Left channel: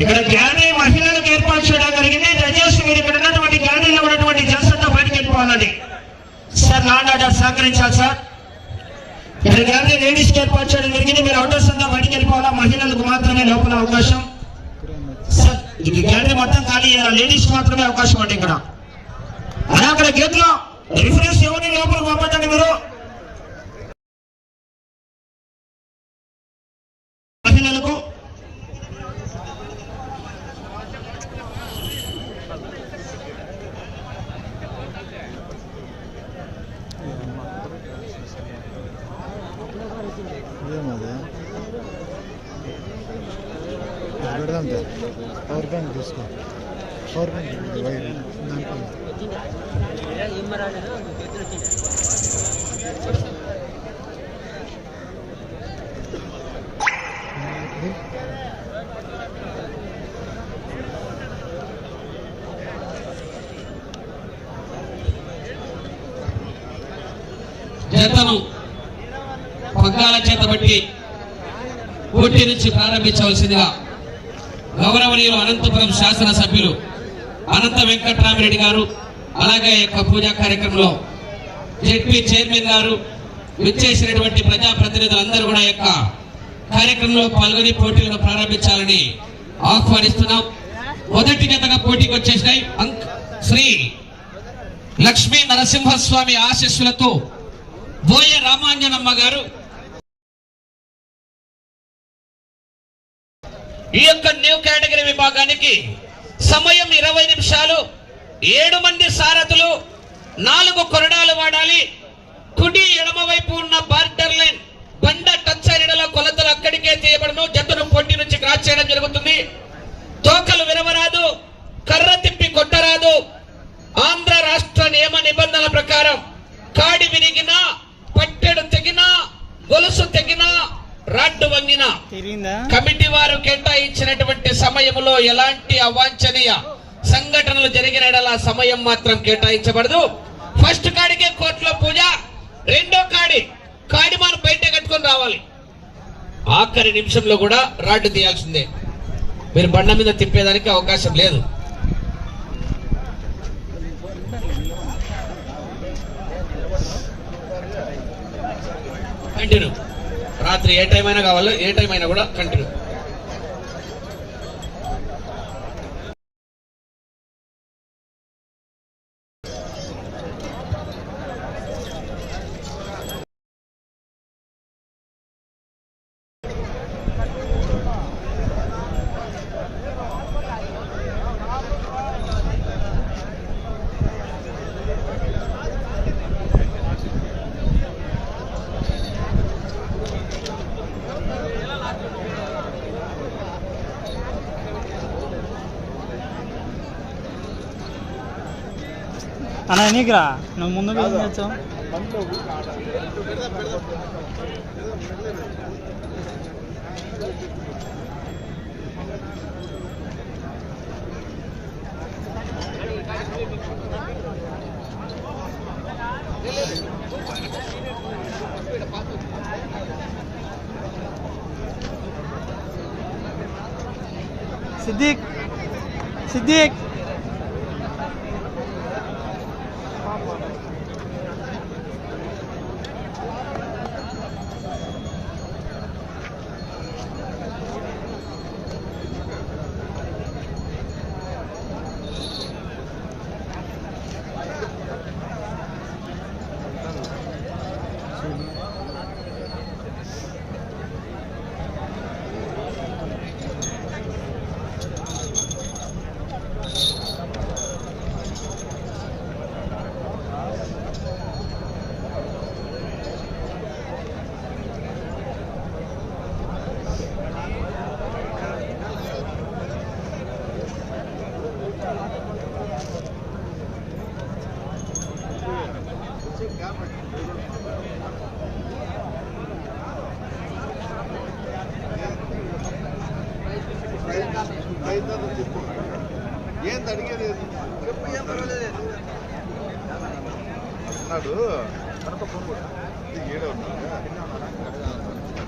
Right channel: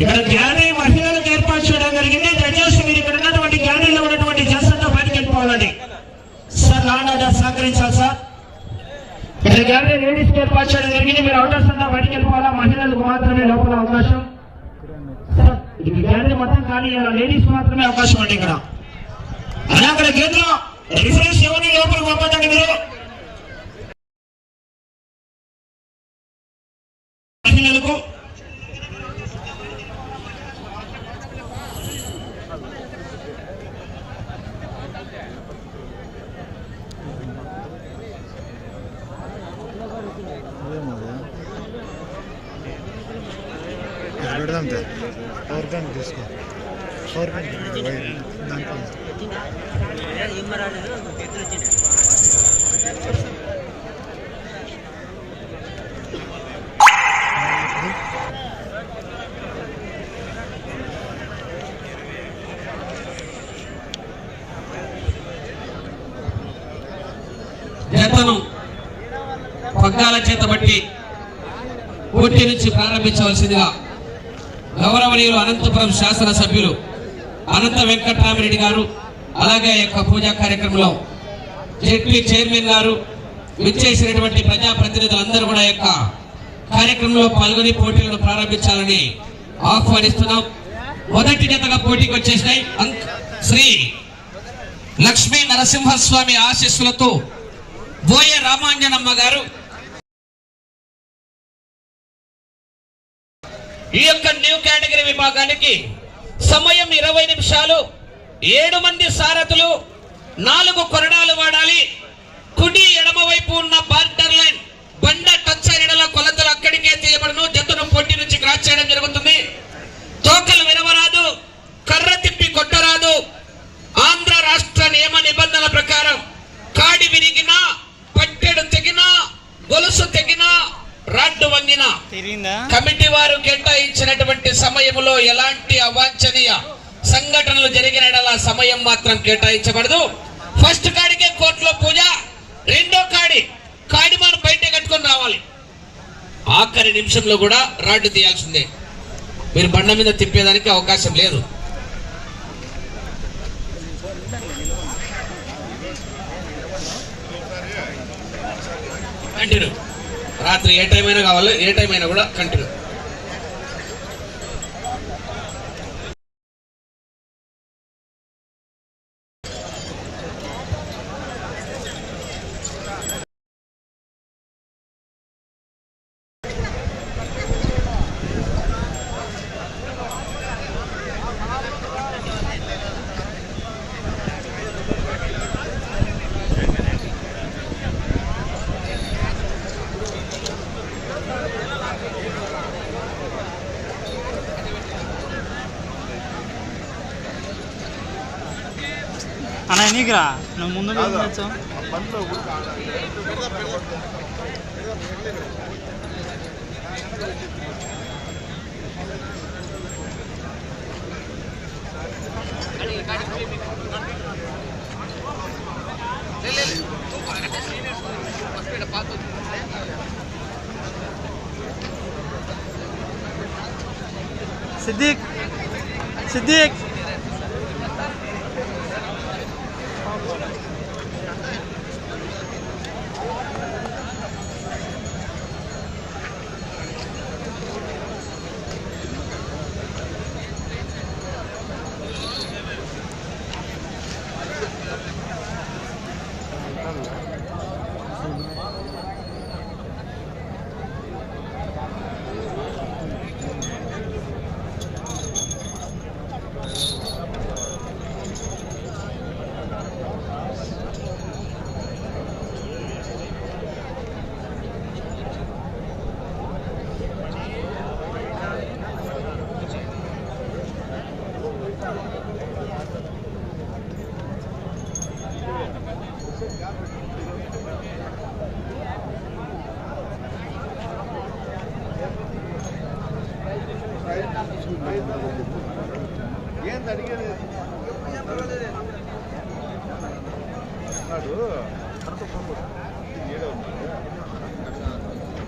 ఇక్కడ గ్యాలరీ మహిళలకు ఏర్పాటు చేయడం జరిగింది. దయచేసి మీరు ఇక్కడ ఉన్నటువంటి గ్యాలరీలో ఉన్నటువంటి జనసంతా బయటకు వెళ్ళిపోవాలండి. సార్ లాండ్ ఆర్డర్ సహకరించాలి సార్. ఇక్కడ గ్యాలరీ లేడీస్కి ఏర్పాటు చేయడం జరిగింది. మీరు అవుటర్స్ అంతా బయటకు వెళ్ళిపోవాలా? మహిళలకు మాత్రమే లోపల అవకాశం? సార్ గ్యాలరీ మొత్తం ఖాళీ చేయాలి? లేడీస్ మాత్రమే అవకాశం అండి ఇక్కడ. అదే అక్కడ గేట్లో రిఫరెన్స్ ఎవరిని లోపలికి పంపండి మీరు? జతను పగ్గాల చేత బట్టి పోటీ నుంచి ప్రారంభించవలసిందిగా గౌరవనీయులు అనంతపురం శాసనసభ్యులు అనంత వెంకట్రామరెడ్డి గారు అలాగే ఈ యొక్క పూజా కార్యక్రమంలో జెడ్పీ చైర్మన్ గారు విచ్చేసినటువంటి ప్రజాప్రతినిధులందరూ కూడా యొక్క కార్యక్రమంలో పాల్గొని పోటీలను ప్రారంభించాలని ఆహ్వానిస్తున్నాం. మొదటి జతగా పోటీకి వచ్చేసినాయి. శ్రీ లక్ష్మీ నరసింహస్వామి ఆశీస్సులతో బోయ రామాంజనమ్మ గారు ఈ యొక్క న్యూ కేటగిరీ విభాగానికి సమయం ఇరవై నిమిషాలు. ఏడు మంది సారథులు నాలుగు కొరడాలు వాడాలి. కుడి ఎడమ వైపు ఉన్న బార్డర్ లైన్ బండ టచ్ అయిన కొలతలు అక్కడికే తీయబడను. జట్టును పోటీ నుంచి క్రాస్ చేయడం జరుగుతుంది. తోకలు వినవరాదు. కర్ర తిప్పి కొట్టరాదు. ఆంధ్ర రాష్ట్ర నియమ నిబంధనల ప్రకారం కాడి విరిగినా పట్టెడు తెగినా గొలుసు తెగినా రాడ్డు వంగినా కమిటీ వారు కేటాయించినటువంటి సమయంలో ఎలాంటి అవాంఛనీయ సంఘటనలు జరిగిన సమయం మాత్రం కేటాయించబడదు. ఫస్ట్ కాడికే కోర్టులో పూజ రెండో కాడి కాడి మనం బయట కట్టుకొని రావాలి. ఆఖరి నిమిషంలో కూడా రాడ్డు తీయాల్సిందే. మీరు బండ మీద తిప్పేదానికి అవకాశం లేదు. కంటిన్యూ రాత్రి ఏ టైం అయినా కావాలి ఏ టైం అయినా కూడా కంటిన్యూ అన్న నీకురా నువ్వు ముందు వచ్చా సిద్దిక్ సిద్దిక్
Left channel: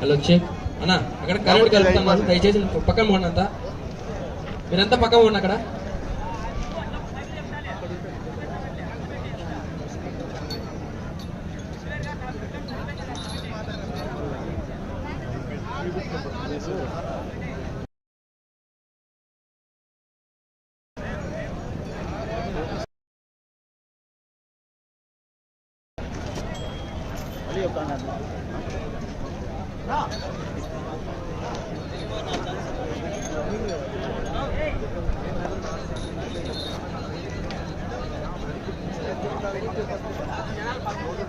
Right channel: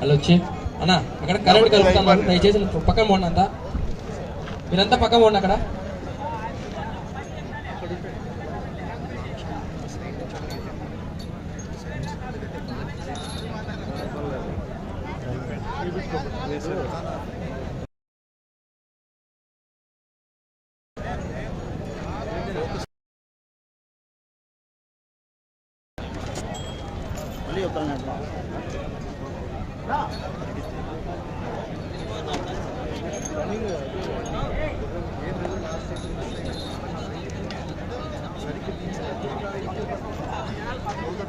హలో వచ్చి అన్న అక్కడ కరెంట్ కలుపుతున్నారు దయచేసి పక్కన పోండి అంతా. మీరంతా పక్క పోండి అక్కడ.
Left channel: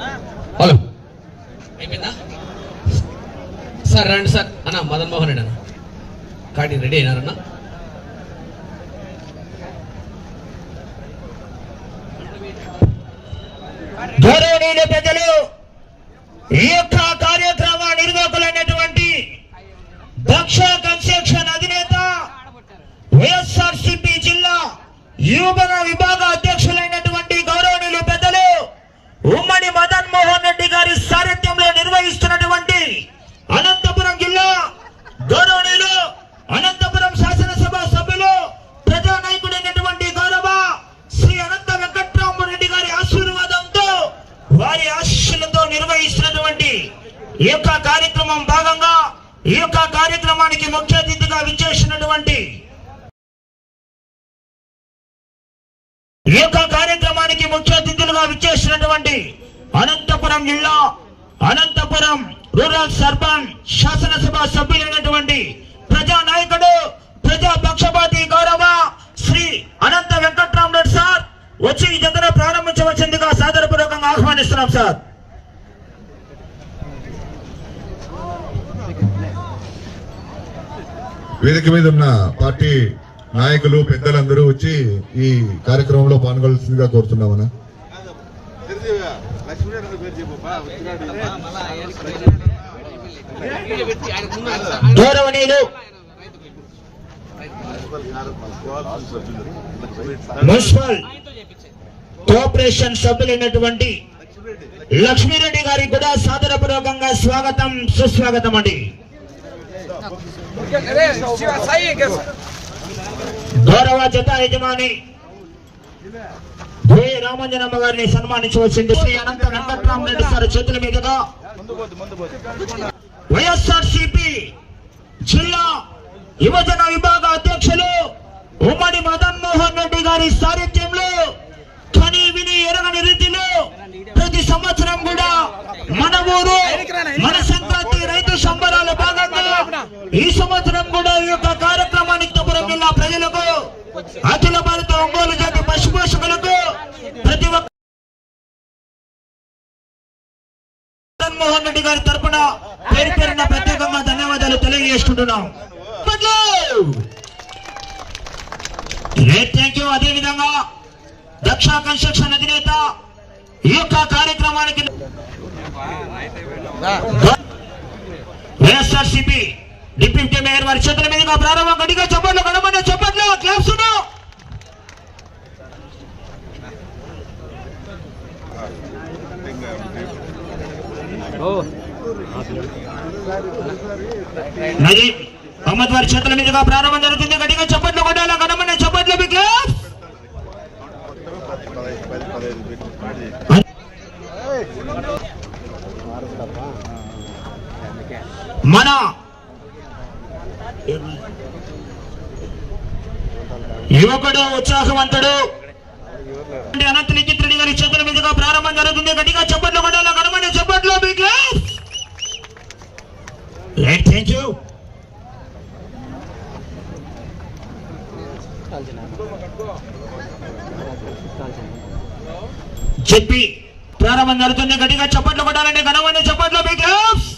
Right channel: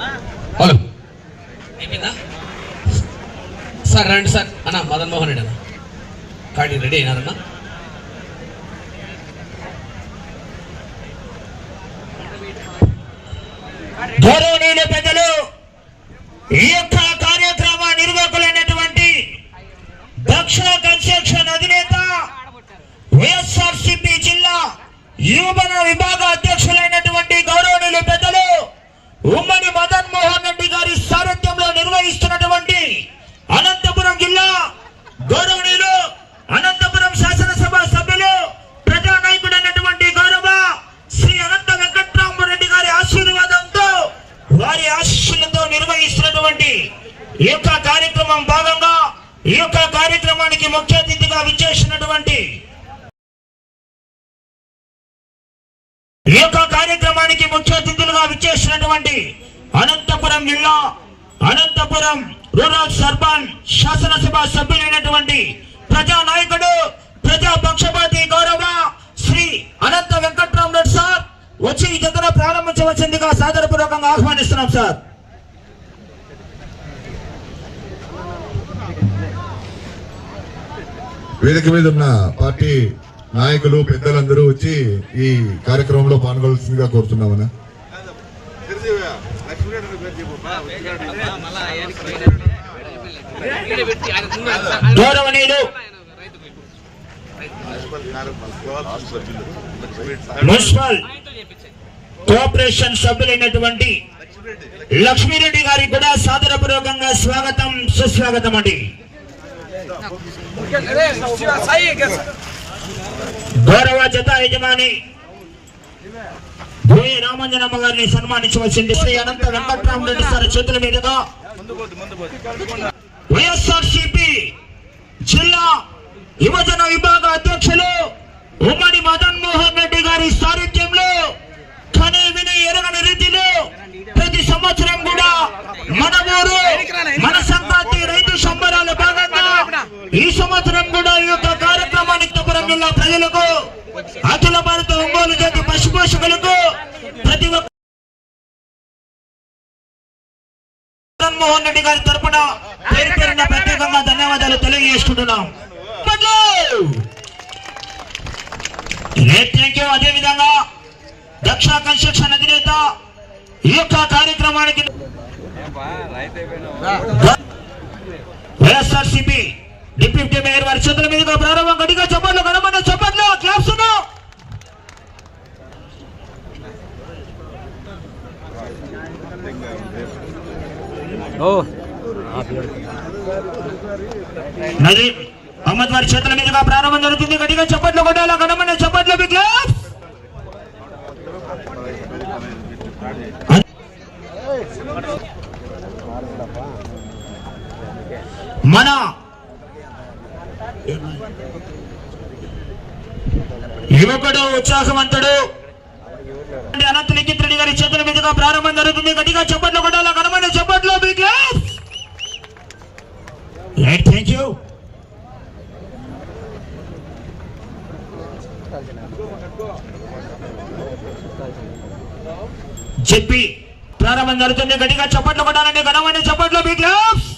హలో. అయిపోయిందా సార్ రండి సార్. అన్న మదన్ మోహన్ రెడ్డి అన్న. కార్డు రెడీ అయినారన్నా గౌరవనీయుల పెద్దలు ఈ యొక్క కార్యక్రమ నిర్వాహకులైనటువంటి దక్ష కన్స్ట్రక్షన్ అధినేత వైఎస్ఆర్ సిపి జిల్లా యువన విభాగ అధ్యక్షులైనటువంటి గౌరవనీయుల పెద్దలు ఉమ్మడి మదన్ మోహన్ రెడ్డి గారి సారథ్యంలో నిర్వహిస్తున్నటువంటి అనంతపురం జిల్లా గౌరవనీయులు అనంతపురం శాసనసభ సభ్యులు ప్రజా నాయకుడైనటువంటి గౌరవ శ్రీ అనంత వెంకట్రామరెడ్డి గారి ఆశీర్వాదంతో వారి ఆశీస్సులతో నిర్వహిస్తున్నటువంటి ఈ యొక్క కార్యక్రమం భాగంగా ఈ యొక్క కార్యక్రమానికి ముఖ్య అతిథిగా విచ్చేసినటువంటి ఈ యొక్క కార్యక్రమానికి ముఖ్య అతిథులుగా విచ్చేసినటువంటి అనంతపురం జిల్లా అనంతపురం రూరల్ సర్పంచ్ శాసనసభ సభ్యులైనటువంటి ప్రజా నాయకుడు ప్రజా పక్షపాతి గౌరవ శ్రీ అనంత వెంకట్రామరెడ్డి సార్ వచ్చి ఈ జతను ప్రారంభించవలసిందిగా సాదరపూర్వకంగా ఆహ్వానిస్తున్నాం సార్. వేదిక మీద ఉన్న పార్టీ నాయకులు పెద్దలందరూ వచ్చి ఈ కార్యక్రమంలో పాల్గొల్సిందిగా కోరుతున్నామన్నా లక్ష్మీరెడ్డి పేరు చెప్పు బా, వచ్చినాడు. గౌరవనీయులు మున్సిపల్ కోఆపరేషన్ సభ్యులైనటువంటి లక్ష్మీరెడ్డి గారికి కూడా సాదరపూర్వకంగా స్వాగతం సుస్వాగతం అండి. గౌరవ జత యజమాని భూమి రామంజనమ్మ గారిని సన్మానించవలసింది. శ్రీ అనంత వెంకట్రామరెడ్డి సార్ చేతుల మీదుగా. వైఎస్ఆర్సిపి జిల్లా యువజన విభాగ అధ్యక్షులు ఉమ్మడి మదన్ మోహన్ రెడ్డి గారి సారథ్యంలో కని విని ఎరగని రీతిలో ప్రతి సంవత్సరం కూడా మన ఊరు మన సంక్రాంతి రైతు సంబరాల భాగంగా ఈ సంవత్సరం కూడా ఈ యొక్క కార్యక్రమానికి తపురం జిల్లా ప్రజలకు అఖిల భారత ఒంగోలు జాతి పశుపోషకులకు జగన్మోహన్ రెడ్డి గారి తరపున పేరు పేరున ప్రత్యేకంగా ధన్యవాదాలు తెలియజేసుకుంటున్నాం అదే విధంగా దక్ష కన్స్ట్రక్షన్ అధినేత ఈ యొక్క కార్యక్రమానికి వైఎస్ఆర్సీపీ డిప్యూటీ మేయర్ వారి చేతుల మీదుగా ప్రారంభం. గడిగా చెప్పట్లు గడమని చెప్పట్లు క్లాప్స్ నది అహ్మద్ చేతుల మీదుగా ప్రారంభం జరుగుతుంది. గట్టిగా చప్పట్లు కొట్టాలా గడమని చప్పట్లు మీ క్లాప్స్ మన యువకుడు ఉత్సాహవంతుడు అనంత లిఖిత్ రెడ్డి గారి చేతుల మీదుగా ప్రారంభం జరుగుతుంది గట్టిగా చప్పట్లు కొట్టాలా గడమని చప్పట్లు మీ క్లాప్స్ థ్యాంక్ యూ చెప్పి ప్రారంభం జరుగుతుంది. గట్టిగా చప్పట్లు కొట్టాలండి. ఘనమైన చప్పట్లు బిగ్ క్లాప్స్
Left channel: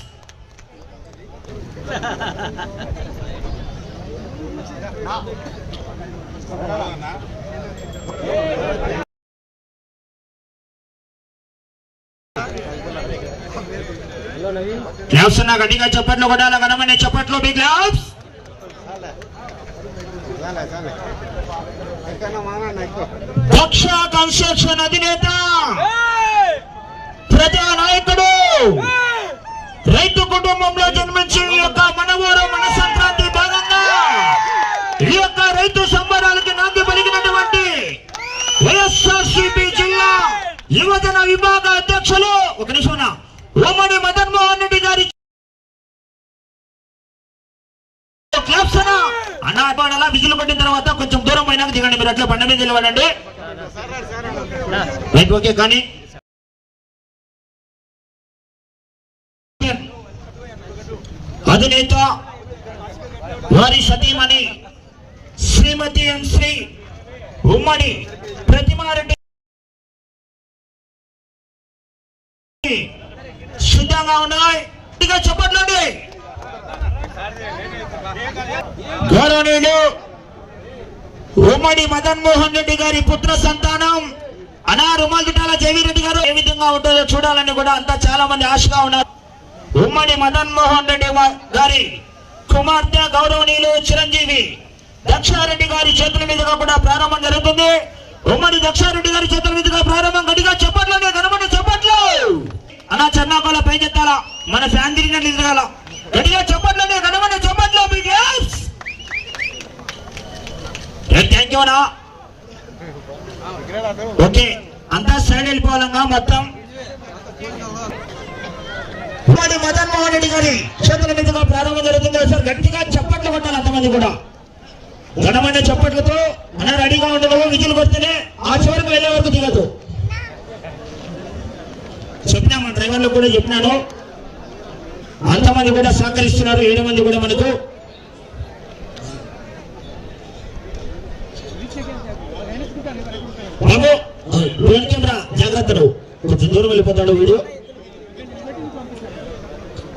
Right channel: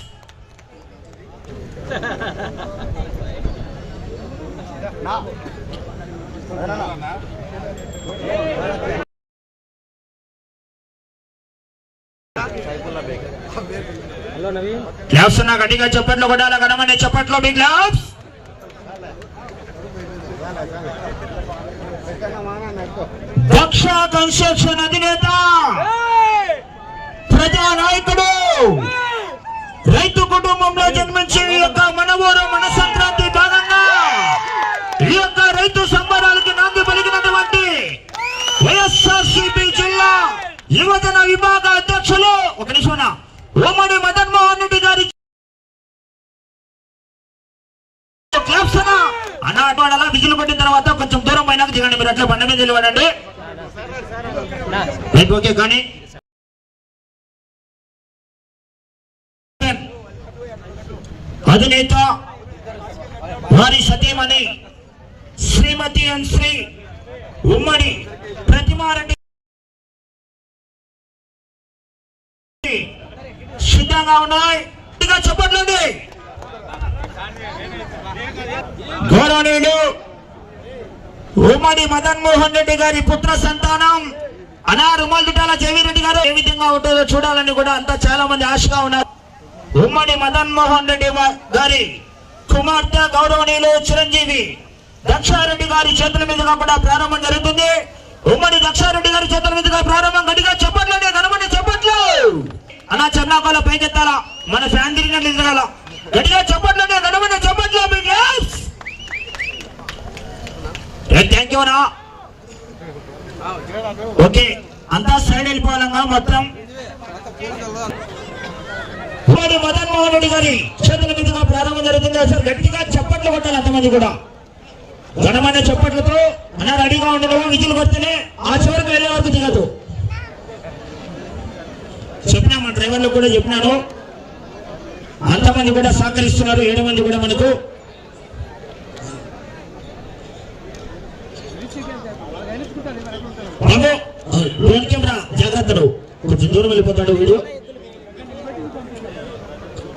క్లాప్స్ ఉన్నా గట్టిగా చప్పట్లు కొట్టాలా? ఘనమైన చప్పట్లు మీ క్లాప్స్ పక్ష కన్స్ట్రక్షన్ అధినేత ప్రజా నాయకుడు రైతు కుటుంబంలో జన్మించి ఈ యొక్క మనవోడు మన సంక్రాంతి భాగంగా ఈ యొక్క రైతు సంబరాలకి నాంది పలికినటువంటి వైఎస్ఆర్సీపీ జిల్లా యువజన విభాగ అధ్యక్షులు ఒక నిమిషం ఉమ్మడి మద అన్న అలా విజులు పట్టిన తర్వాత కొంచెం దూరం అయినాక దిగండి మీరు. అట్లా బండ మీద నిలబడండి. రైట్ ఓకే కానీ అధినేత వారి సతీమణి శ్రీమతి ఎం శ్రీ ఉమ్మడి ప్రతిమారెడ్డి సిద్ధంగా ఉన్నాయి. గౌరవనీయుడు ఉమ్మడి మదన్ మోహన్ రెడ్డి గారి పుత్ర సంతానం అనా రుమాల్ దుటాల గారు ఏ విధంగా ఉంటుందో చూడాలని కూడా అంతా చాలా మంది ఆశగా ఉన్నారు. ఉమ్మడి మదన్ మోహన్ రెడ్డి గారి కుమార్తె గౌరవనీయులు చిరంజీవి దక్షారెడ్డి గారి చేతుల మీదుగా కూడా ప్రారంభం జరుగుతుంది. ఉమ్మడి దక్షారెడ్డి గారి చేతుల మీదుగా ప్రారంభం గడిగా చెప్పట్లండి కనబడి చెప్పట్లు అన్నా చెన్నాకోలో పైకెత్తాలా? మన ఫ్యాన్ తిరిగినట్లు తిరగాల రెడీగా చెప్పట్లండి కనబడి చెప్పట్లు. మీ థ్యాంక్ యూ అన్నా. ఓకే అంతా సైడ్ వెళ్ళిపోవాలన్నా మొత్తం. మరి మదన్ మోహన్ రెడ్డి గారి చేతుల మీదుగా ప్రారంభం జరుగుతుంది. సార్ గట్టిగా చప్పట్లు కొట్టాలి అంతమంది కూడా. ఘనమైన చప్పట్లతో మన రెడీగా ఉండడం విజులు కొడితేనే ఆ చివరికి వెళ్ళే వరకు దిగదు. చెప్పినా మన డ్రైవర్లకు కూడా చెప్పినాను. అంతమంది కూడా సహకరిస్తున్నారు. ఏడు మంది కూడా మనకు బాబు డ్రోన్ కెమెరా జాగ్రత్త కొంచెం దూరం వెళ్ళిపోతాడు వీడియో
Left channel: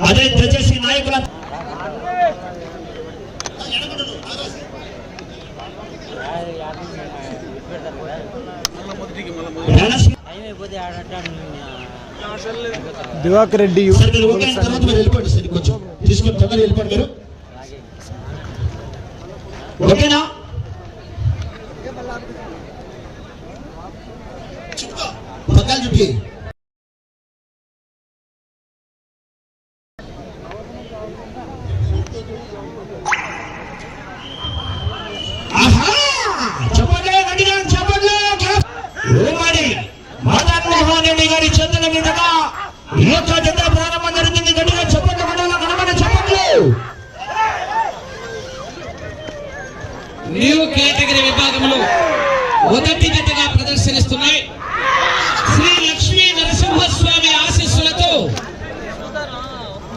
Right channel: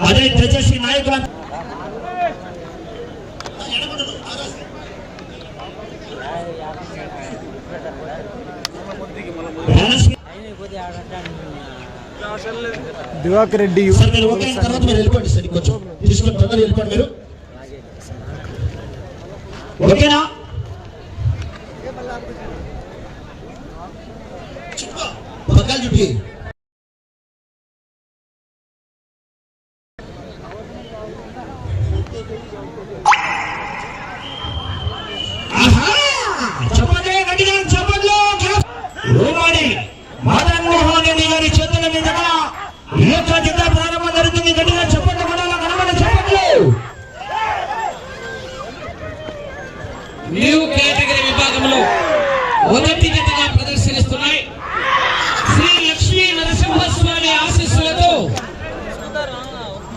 అదే దయచేసి నాయకుల దివాకర్ రెడ్డి ఓకే తర్వాత మీరు వెళ్ళిపోండి సార్ కొంచెం తీసుకొని తొందరగా వెళ్ళిపోండి మీరు. ఓకేనా? చుట్టి. చెప్పట్లే గట్టిగా చెప్పట్లే ఉమ్మడి మదన్ మోహన్ రెడ్డి గారి చేతుల మీదుగా ఈ యొక్క జత ప్రారంభం జరిగింది గట్టిగా చెప్పట్లు గట్టిగా కనబడి చెప్పట్లు న్యూ కేటగిరీ విభాగంలో మొదటి జతగా ప్రదర్శనిస్తున్నాయి శ్రీ లక్ష్మీ నరసింహస్వామి ఆశీస్సులతో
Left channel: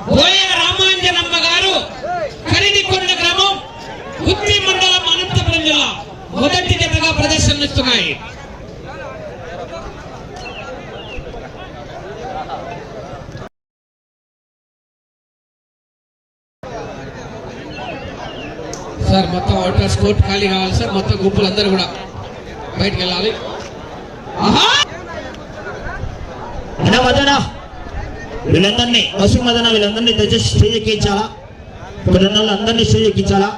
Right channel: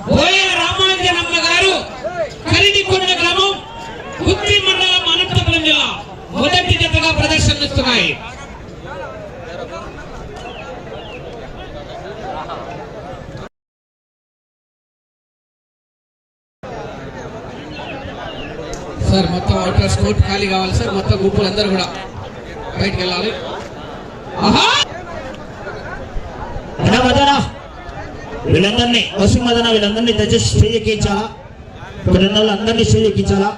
బోయ రామాంజనమ్మ గారు కరిడికొండ గ్రామం కుత్తి మండలం అనంతపురం జిల్లా మొదటి జతగా ప్రదర్శనిస్తున్నాయి సార్ అవుటర్ స్కోట్ ఖాళీ కావాలి సార్. మొత్తం గుంపులు అందరూ కూడా బయటికి వెళ్ళాలి వీళ్ళందరినీ పశు మదన వీళ్ళందరినీ దయచేసి స్టేజ్ ఎక్కించాలా ఇక్కడ వాళ్ళందరినీ స్టేజ్ ఎక్కించాలా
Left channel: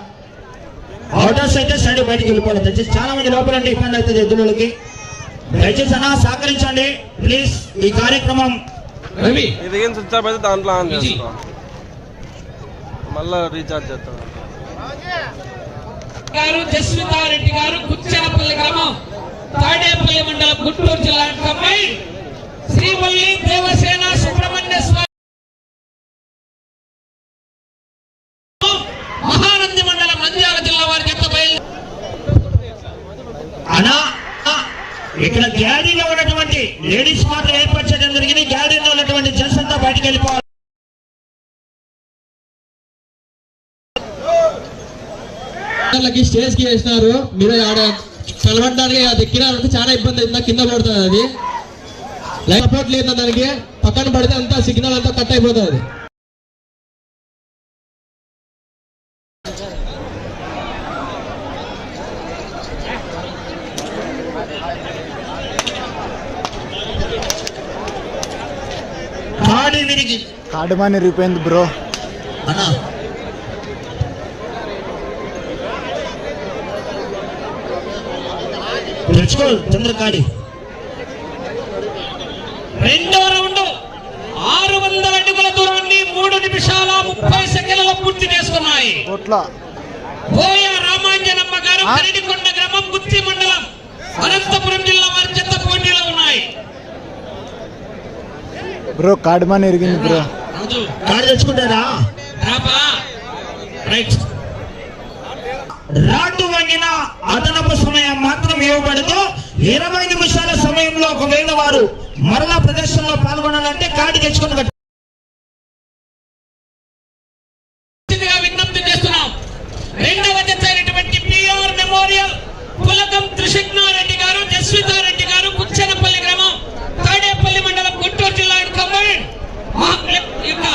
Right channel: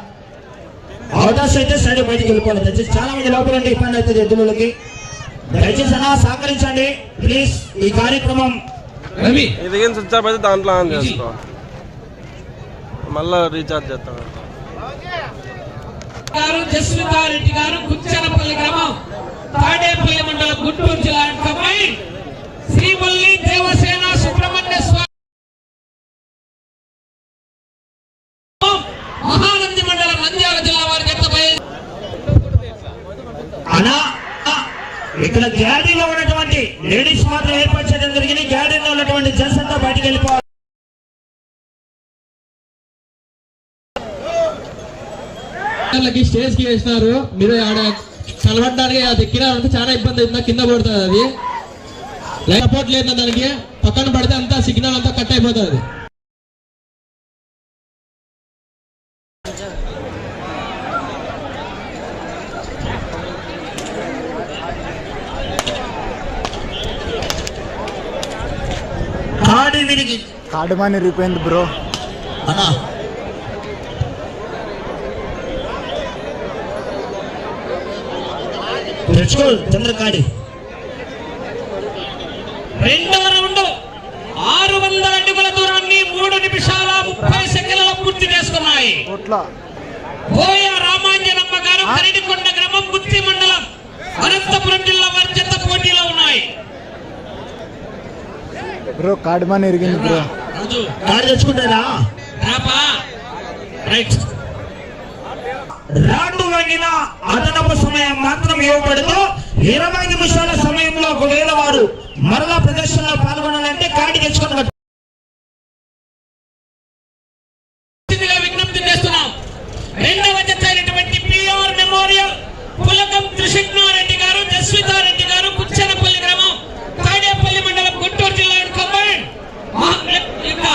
అవుటర్స్ అయితే సైడ్ బయటికి వెళ్ళిపోవాలి. దయచేసి చాలా మంది లోపల ఇబ్బంది అవుతుంది ఎద్దులకి. దయచేసి అన్న సహకరించండి. ప్లీజ్ ఈ కార్యక్రమం దాంట్లో ఆన్ చేసుకో మళ్ళా రీఛార్జ్ చేస్తాను గారు జస్మితారెడ్డి గారు గుచ్చనపల్లి గ్రామం తాడేపల్లి మండలం గుంటూరు జిల్లా అమ్మాయి శ్రీమల్లి దేవసేన సుబ్రహ్మణ్య స్వామి మహానంది మండలం నంద్యాల జిల్లా వారి జత అలా అనా ఇక్కడ గ్యాడీలో ఉన్నటువంటి లేడీస్ మాత్రం ఏర్పరచడం చేయడం జరిగింది. గ్యాడీలో ఉన్నటువంటి జెంట్స్ అంతా బయటికి చేసి వేసినారు. మీరు ఆడ కలవడానికి ఎక్కినారంటే చాలా ఇబ్బంది అవుతుంది కింద పడుతుంది అది. సపోర్ట్ లేదు దానికి. పక్కన పడితే అంతా సిగ్నల్ అంతా కట్ అయిపోతుంది. కాడు మనీ కాడు బ్రో. అన్నా. తెచ్చుకో. చంద్రకాడి. రెండవ రౌండ్. ఆరు వందల అడుగుల దూరాన్ని మూడు నిమిషాల ముప్పై సెకండ్లలో పూర్తి చేసుకున్నాయి. కోట్ల. బోయ రామాంజనమ్మ గారు కరడికొండ గ్రామం గుత్తి మండలం అనంతపురం జిల్లా వారి చెత్త పోటీలో ఉన్నాయి. బ్రో కాడుమాని ఇరిగింది బ్రో. రాజు. కాడు తెచ్చుకుంటారా? రాపా. రైట్. రాటు తగిన అదనపు సమయం మాత్రం ఇవ్వబడదు ఇరవై నిమిషాల సమయంలో ఒకవేళ వారు మరలా ప్రదర్శనలో పాల్గొనాలంటే కార్డు తెచ్చుకొని స్థితిగా విజ్ఞప్తి చేస్తున్నాం రెండవ జత అయినటువంటి పిఆర్ మెమోరియల్ పులకం త్రిశగ్నారెడ్డి గారు జస్వితారెడ్డి గారు కుచ్చనపల్లి గ్రామం తాడేపల్లి మండలం గుంటూరు జిల్లా కంబైన్ యొక్క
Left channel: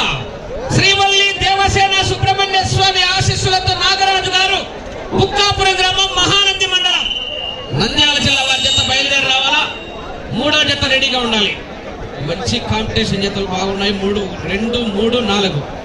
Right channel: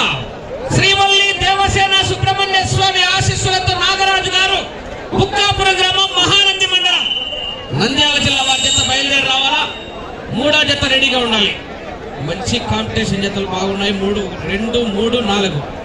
శ్రీవల్లి దేవసేన సుబ్రహ్మణ్య స్వామి ఆశీస్సులతో నాగరాజు గారు బుక్కాపురం గ్రామం మహానంది మండలం నంద్యాల జిల్లా వారి జత బయలుదేరి రావాలా మూడో జత రెడీగా ఉండాలి మంచి కాంపిటీషన్ జతలు బాగున్నాయి. మూడు రెండు మూడు నాలుగు.